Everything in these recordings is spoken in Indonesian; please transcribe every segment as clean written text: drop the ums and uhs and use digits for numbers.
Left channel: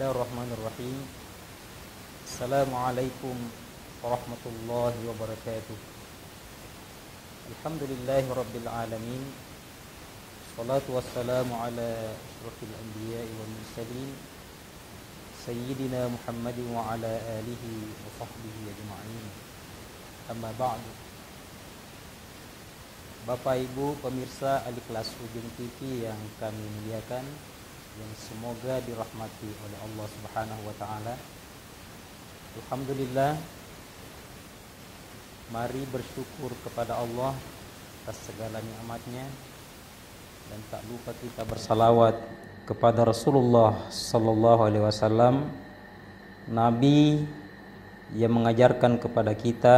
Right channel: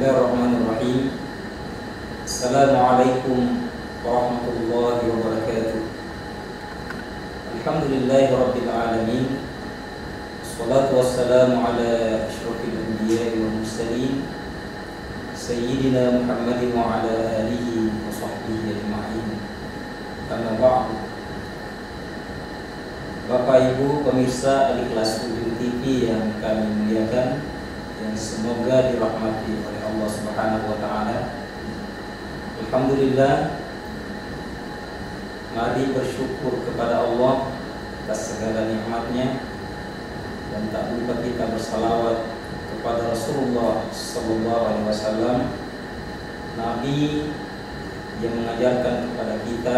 Bismillahirrahmanirrahim. Assalamualaikum warahmatullahi wabarakatuh. Alhamdulillahirabbil alamin. Wassalatu wassalamu ala asyrofil anbiya'i wal mursalin Sayyidina Muhammadin wa ala alihi wa sahbihi ajma'in. Amma ba'du. Bapak Ibu pemirsa Al-Ikhlas TV yang kami muliakan, yang semoga dirahmati oleh Allah Subhanahu wa taala. Alhamdulillah, mari bersyukur kepada Allah atas segala nikmatnya, dan tak lupa kita bersalawat kepada Rasulullah sallallahu alaihi wasallam, nabi yang mengajarkan kepada kita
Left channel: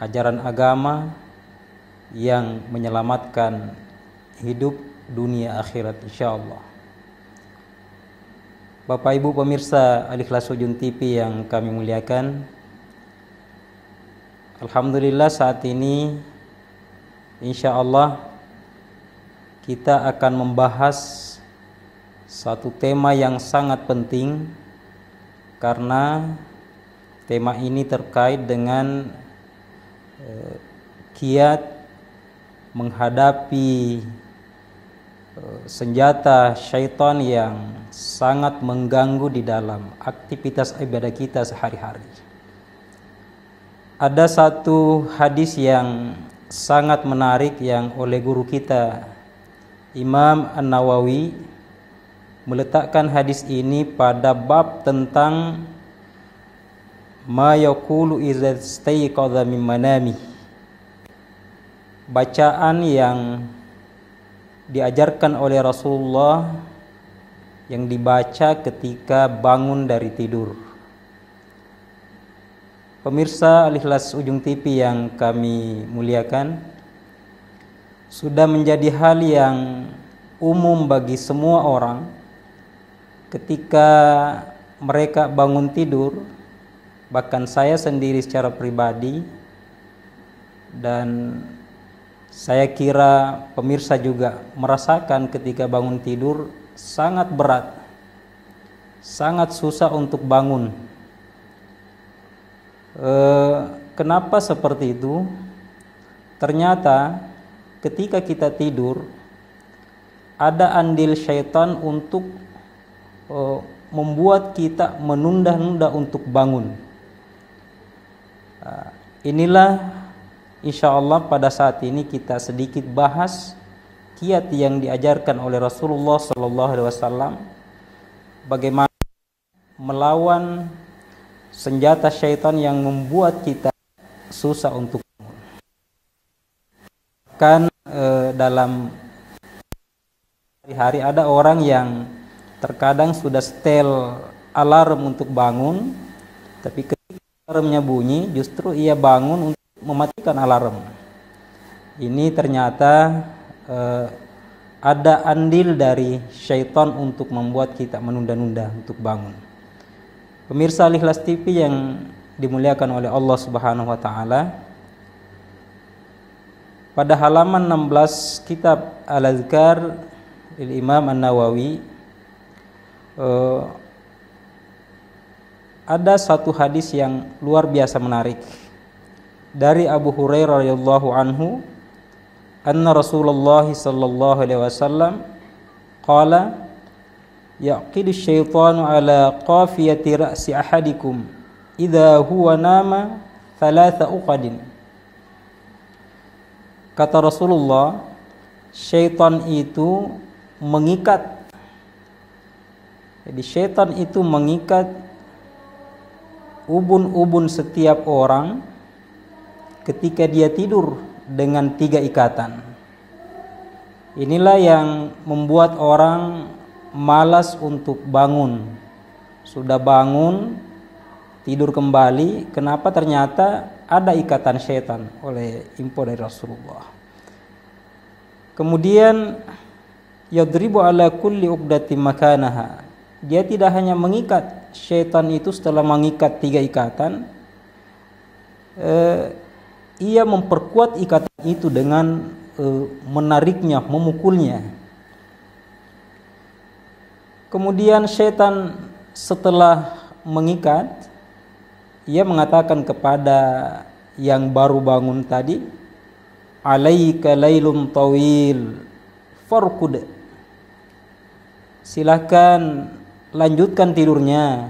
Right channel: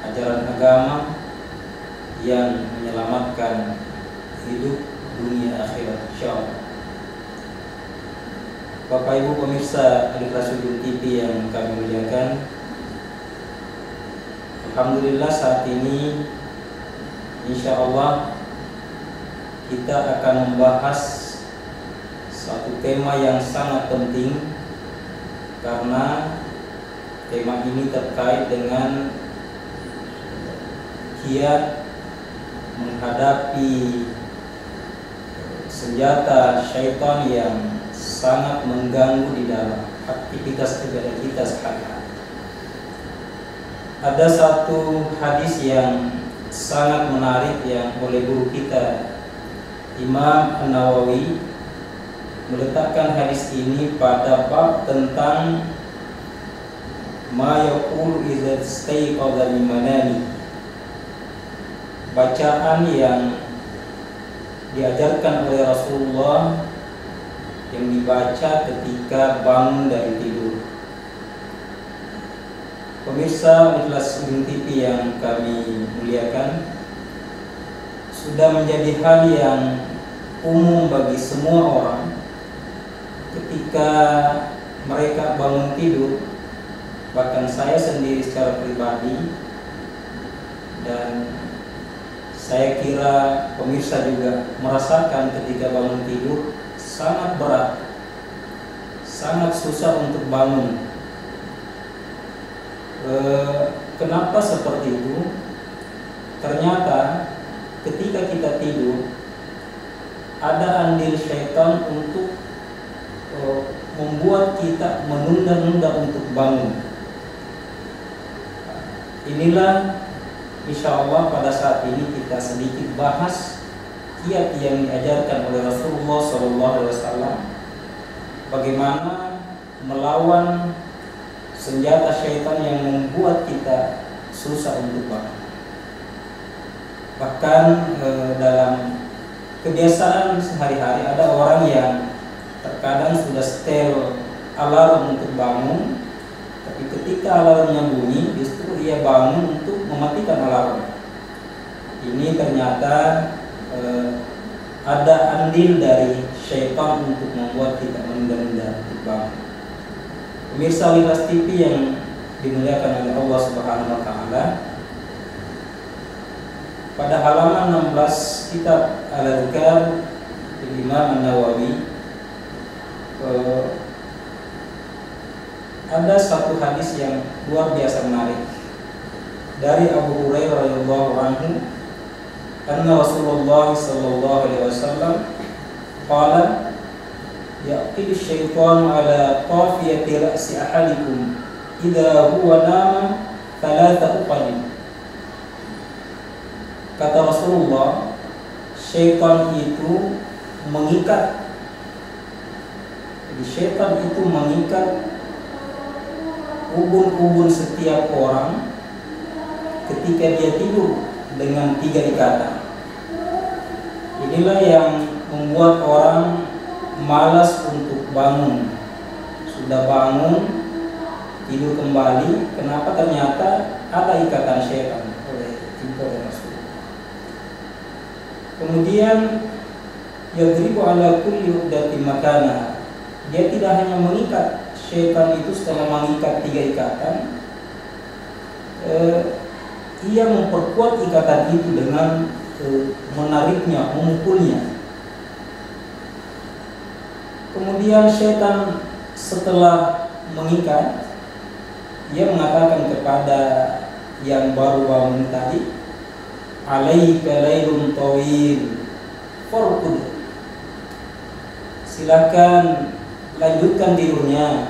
ajaran agama yang menyelamatkan hidup dunia akhirat insyaallah. Bapak Ibu pemirsa Al-Ikhlas TV yang kami muliakan, alhamdulillah saat ini insyaallah kita akan membahas satu tema yang sangat penting, karena tema ini terkait dengan kiat menghadapi senjata syaitan yang sangat mengganggu di dalam aktivitas ibadah kita sehari-hari. Ada satu hadis yang sangat menarik yang oleh guru kita Imam An-Nawawi meletakkan hadis ini pada bab tentang ma yaqulu idza istayqadha min manami. Bacaan yang diajarkan oleh Rasulullah yang dibaca ketika bangun dari tidur. Pemirsa Al-Ikhlas TV yang kami muliakan, sudah menjadi hal yang umum bagi semua orang ketika mereka bangun tidur. Bahkan saya sendiri secara pribadi, dan saya kira pemirsa juga merasakan ketika bangun tidur sangat berat, sangat susah untuk bangun. Kenapa seperti itu? Ternyata ketika kita tidur ada andil syaitan untuk membuat kita menunda-nunda untuk bangun. Inilah insyaallah pada saat ini kita sedikit bahas kiat yang diajarkan oleh Rasulullah SAW, bagaimana melawan senjata syaitan yang membuat kita susah untuk bangun. Bahkan dalam kebiasaan sehari-hari ada orang yang terkadang sudah setel alarm untuk bangun, tapi ketika alarmnya bunyi justru ia bangun untuk mematikan alarm. Ini ternyata ada andil dari syaitan untuk membuat kita menunda-nunda untuk bangun. Pemirsa Al-Ikhlas TV yang dimuliakan oleh Allah Subhanahu wa taala, pada halaman 16 kitab Al-Azkar dari Imam An-Nawawi ada satu hadis yang luar biasa menarik dari Abu Hurairah radhiyallahu anhu, anna Rasulullah sallallahu alaihi wasallam qala yaqil syaitan ala qafiyati ra'si ahadikum idza huwa nama thalatha uqadin. Kata Rasulullah, syaitan itu mengikat, jadi syaitan itu mengikat ubun-ubun setiap orang ketika dia tidur dengan 3 ikatan. Inilah yang membuat orang malas untuk bangun. Sudah bangun, tidur kembali. Kenapa? Ternyata ada ikatan syaitan oleh Rasulullah. Kemudian yadribu ala kulli uqdatin makanaha. Dia tidak hanya mengikat, syaitan itu setelah mengikat 3 ikatan, ia memperkuat ikatan itu dengan menariknya, memukulnya. Kemudian syaitan setelah mengikat, ia mengatakan kepada yang baru bangun tadi, alaika lailum tawil farqud, silakan lanjutkan tidurnya,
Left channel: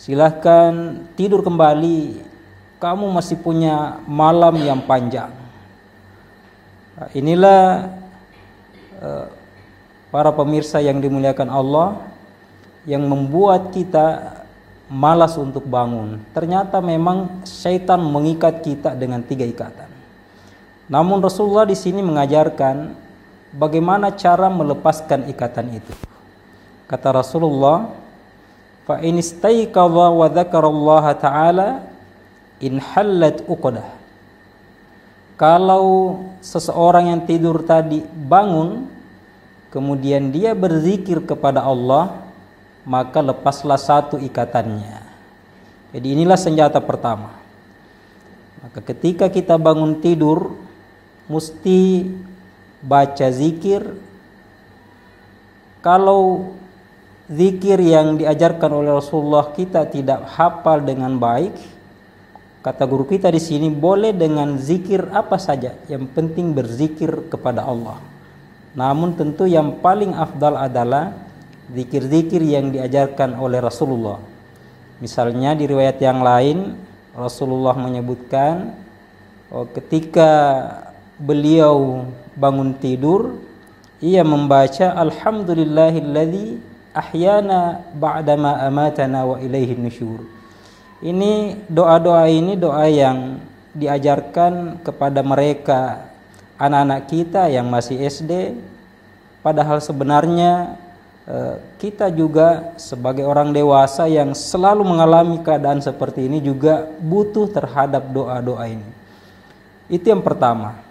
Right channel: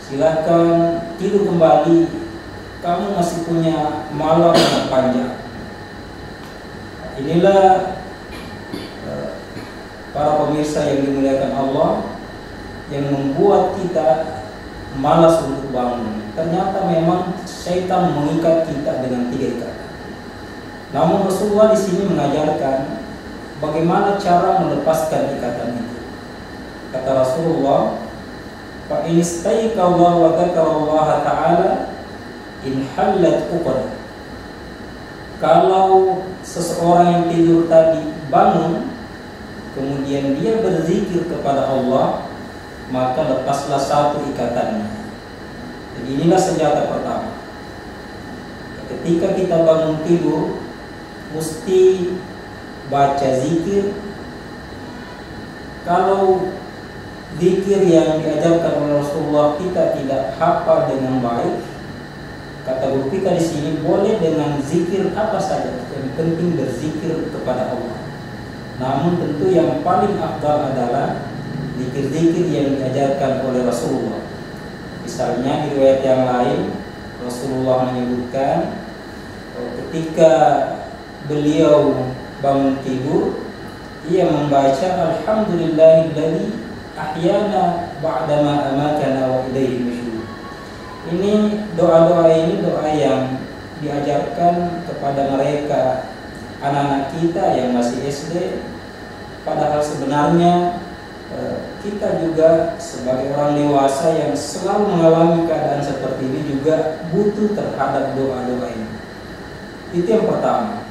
silakan tidur kembali, kamu masih punya malam yang panjang. Inilah para pemirsa yang dimuliakan Allah, yang membuat kita malas untuk bangun. Ternyata memang syaitan mengikat kita dengan 3 ikatan. Namun Rasulullah di sini mengajarkan bagaimana cara melepaskan ikatan itu. Kata Rasulullah, fa in istayqadha wa dzakarallaha ta'ala in hallat uqdah. Kalau seseorang yang tidur tadi bangun, kemudian dia berzikir kepada Allah, maka lepaslah satu ikatannya. Jadi inilah senjata pertama. Ketika kita bangun tidur, mesti baca zikir. Kalau zikir yang diajarkan oleh Rasulullah kita tidak hafal dengan baik, kata guru kita di sini, boleh dengan zikir apa saja, yang penting berzikir kepada Allah. Namun tentu yang paling afdal adalah zikir-zikir yang diajarkan oleh Rasulullah. Misalnya di riwayat yang lain Rasulullah menyebutkan ketika beliau bangun tidur, ia membaca alhamdulillahilladzi ahyana ba'dama amatana wa ilaihi nusyur. Ini doa-doa ini doa yang diajarkan kepada mereka, anak-anak kita yang masih SD. Padahal sebenarnya kita juga sebagai orang dewasa yang selalu mengalami keadaan seperti ini juga butuh terhadap doa-doa ini. Itu yang pertama.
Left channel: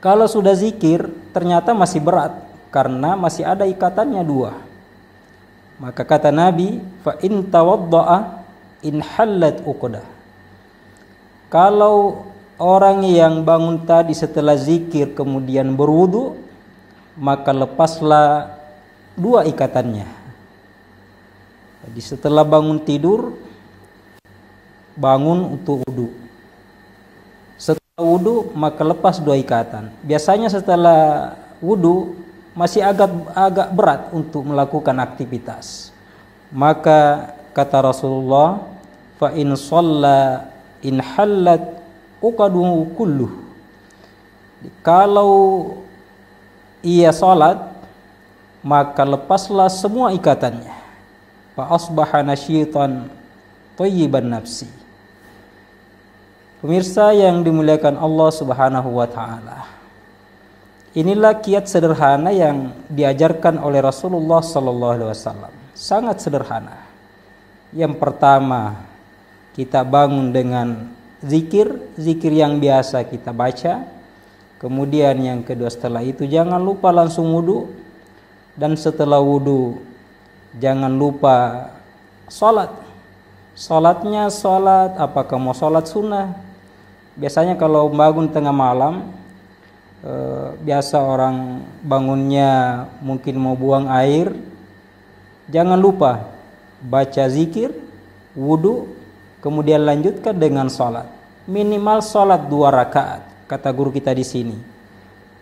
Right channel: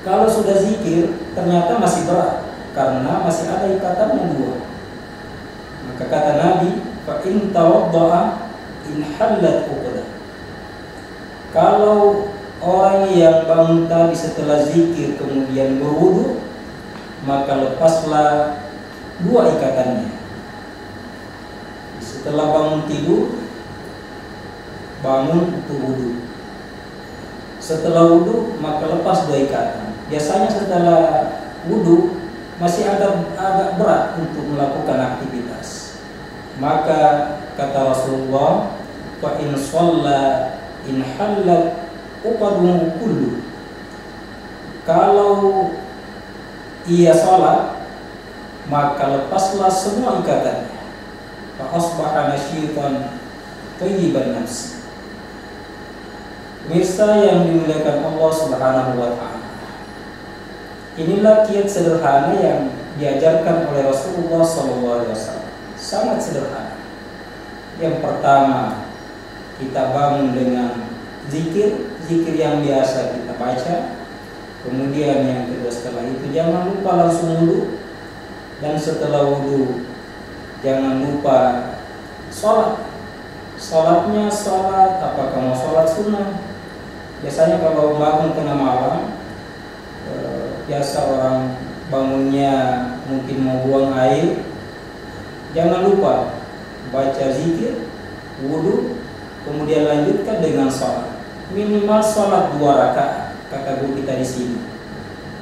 Kalau sudah zikir ternyata masih berat karena masih ada ikatannya 2. Maka kata Nabi, fa in tawadda'a in hallat uqdah. Kalau orang yang bangun tadi setelah zikir kemudian berwudu, maka lepaslah 2 ikatannya. Jadi setelah bangun tidur, bangun untuk wudu. Setelah wudu maka lepas 2 ikatan. Biasanya setelah wudu masih agak berat untuk melakukan aktivitas. Maka kata Rasulullah, fa in shalla in hallat uqadumu kullu. Kalau ia salat, maka lepaslah semua ikatannya. Fa asbaha nasyitan thayyiban nafsi. Pemirsa yang dimuliakan Allah Subhanahu wa taala, inilah kiat sederhana yang diajarkan oleh Rasulullah sallallahu alaihi wasallam. Sangat sederhana. Yang pertama, kita bangun dengan zikir yang biasa kita baca. Kemudian yang kedua, setelah itu jangan lupa langsung wudu. Dan setelah wudu jangan lupa sholat. Sholatnya sholat, apakah mau sholat sunnah? Biasanya kalau bangun tengah malam, biasa orang bangunnya mungkin mau buang air, jangan lupa baca zikir, wudu, kemudian lanjutkan dengan sholat. Minimal sholat 2 rakaat, kata guru kita di sini.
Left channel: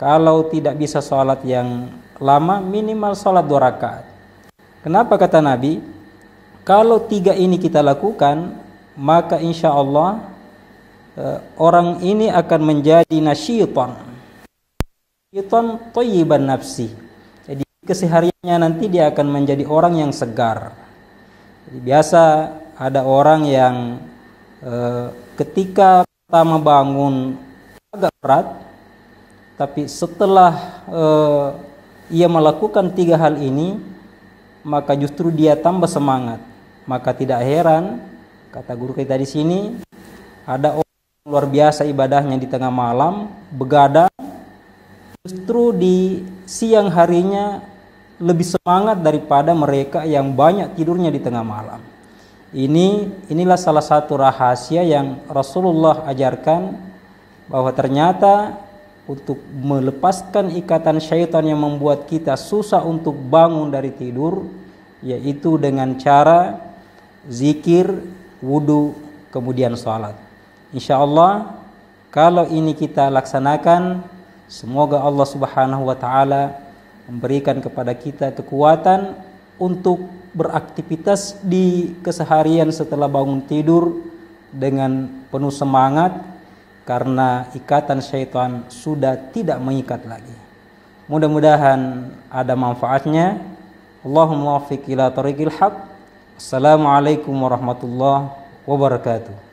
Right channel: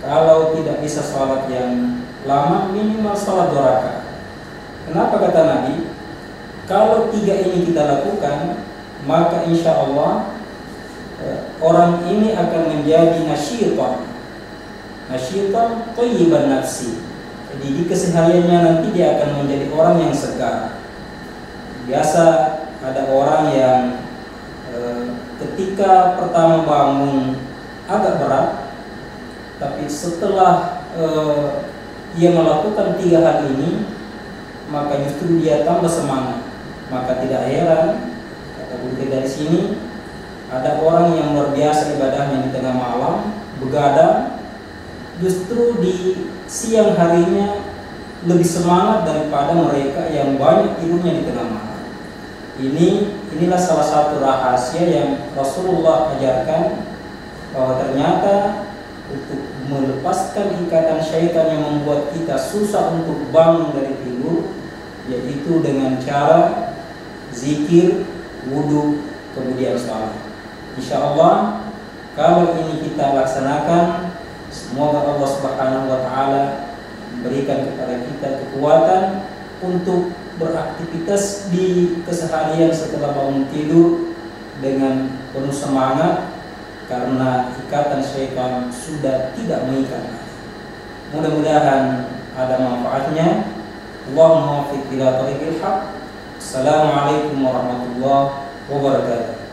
Kalau tidak bisa sholat yang lama, minimal sholat 2 rakaat. Kenapa kata Nabi? Kalau 3 ini kita lakukan, maka insya Allah orang ini akan menjadi nasyitan thayyiban nafsi. Jadi di kesehariannya nanti dia akan menjadi orang yang segar. Biasa ada orang yang ketika pertama bangun agak berat, tapi setelah ia melakukan 3 hal ini, maka justru dia tambah semangat. Maka tidak heran, kata guru kita di sini, ada orang yang luar biasa ibadahnya di tengah malam, begadang, justru di siang harinya lebih semangat daripada mereka yang banyak tidurnya di tengah malam. Inilah salah satu rahasia yang Rasulullah ajarkan, bahwa ternyata untuk melepaskan ikatan syaitan yang membuat kita susah untuk bangun dari tidur, yaitu dengan cara zikir, wudu, kemudian sholat. Insya Allah kalau ini kita laksanakan, semoga Allah Subhanahu wa Ta'ala memberikan kepada kita kekuatan untuk beraktivitas di keseharian setelah bangun tidur dengan penuh semangat, karena ikatan syaitan sudah tidak mengikat lagi. Mudah-mudahan ada manfaatnya. Allahumma waffiq ila tariqil haq. Assalamualaikum warahmatullahi wabarakatuh.